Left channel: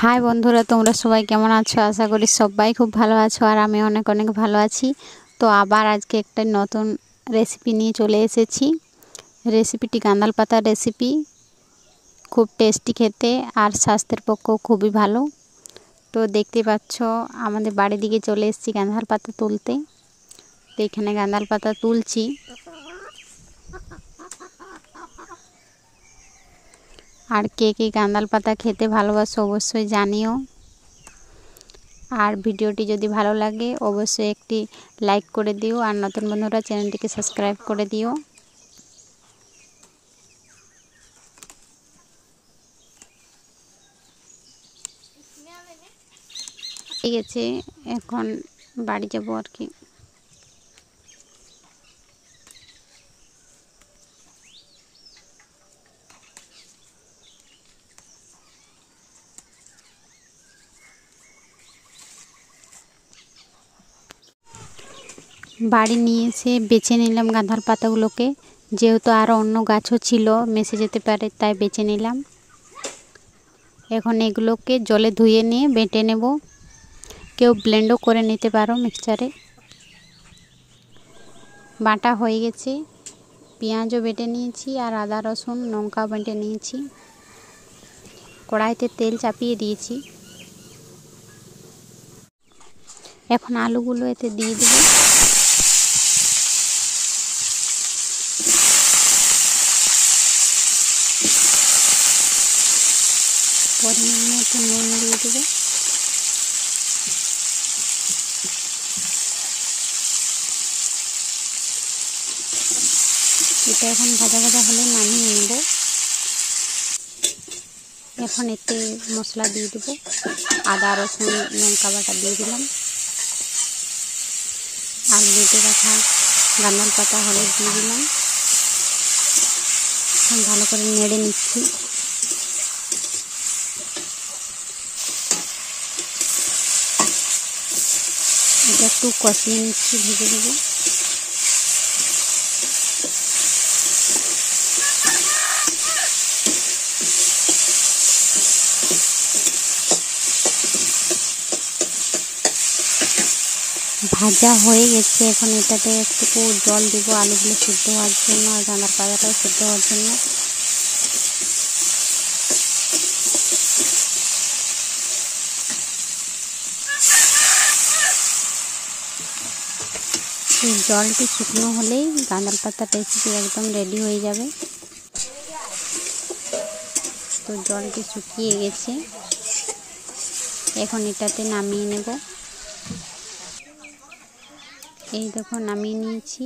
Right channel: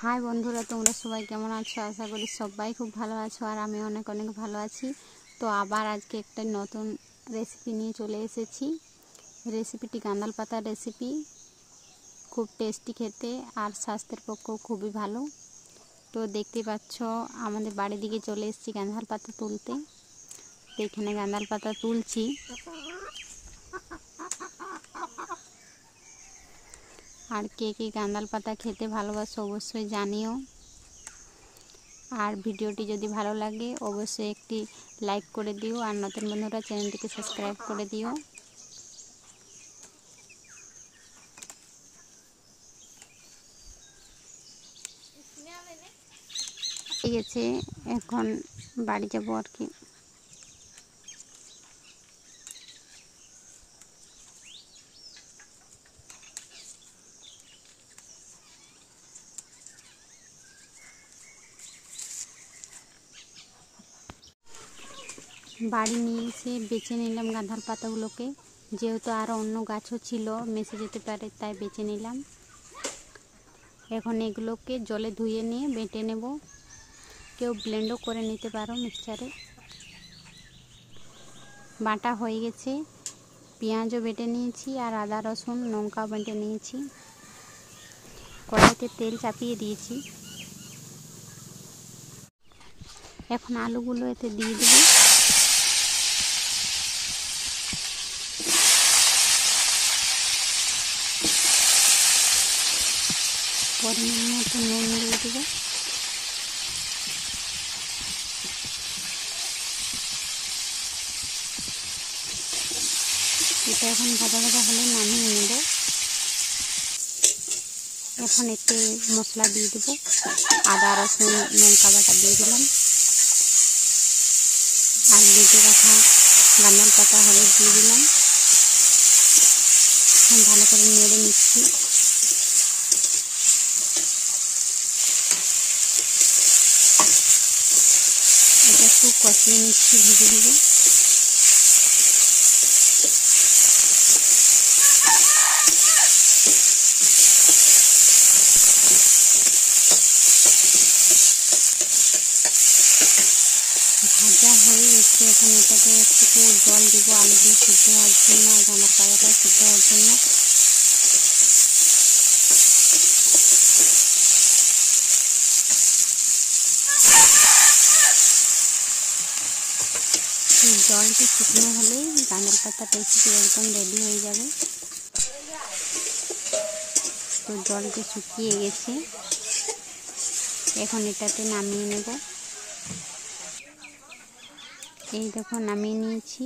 High বন্ধুরা, তোমরা সবাই কেমন আছো? আশা করি সবাই খুব ভালো আছো আর আমি অনেক অনেক ভালো আছি। তো আবার আজকে একটা নতুন রেসিপি নিয়ে চলে এসেছি। রেসিপিটি গাঁদাল পাতার রেসিপি, খুব টেস্টি খেতে আর স্বাস্থ্যের পক্ষেও খুবই ভালো। তো দেখতে পাচ্ছ আমাদের বাড়ির দিকে চলে এসেছি গাঁদাল পাতা তুলতে। তো এখানে গাঁদাল পাতা তুলছি। আর কে কে গাঁদাল পাতা খেতে ভালোবাসো অবশ্যই জানিও। আর ভিডিওটি যদি ভালো লাগে অবশ্যই একটি লাইক করে দিও, আর নতুন বন্ধুরা চ্যানেলটিকে সাবস্ক্রাইব করে দিও। ঠিক আছে, এখন বাড়ি যাবো আর কি। বাড়ি নিয়ে এসে বেছে নিলাম গাঁদাল পাতাগুলোকে, যেহেতু আরও অন্য গাছও ছিল মেসে যেতে পারে তাই বেছে নিলাম। এখন এগুলোকে জলে ধুয়ে নিয়ে বেটে নেব। কেউ ব্লেন্ডও করে নিতে পারো মিক্সচারে। বাটা হয়ে গেছে, পেঁয়াজও বেটে নিয়েছি আর আদা রসুন লঙ্কা বেটে নিয়েছি। কড়াইতে তেল চাপিয়ে দিয়েছি। এখন আলুগুলো এতে দিয়ে দেবো। পরিমাণ মতো নুন দিয়ে দেবো। এটা এখন ভাজা ভাজা হলে নামিয়ে নেব। এখন একটু মশলা দিয়ে দেবো। আদা রসুন লঙ্কা বাটা দিয়ে দিলাম, আর বেটে রাখা গাঁদাল পাতা হলুদ দিয়ে দিলাম। ভালো করে নেড়ে নিচ্ছি। এটা একটু কষিয়ে নিচ্ছি, ভেজে দেবো। ভাজা হয়ে গেছে, এখন এটাতে একটু জল দেবো আলুগুলো সিদ্ধ হওয়ার জন্য আর গাঁদাল পাতাটাও সিদ্ধ হওয়ার জন্য। জলটি শুকনো হলেই গাঁদাল পাতার রেসিপি একদম রেডি হয়ে যাবে। তো জলটি শুকিয়ে গেছে, এখন এটাতে নামিয়ে নেব। এই দেখো নামিয়ে নিয়েছি।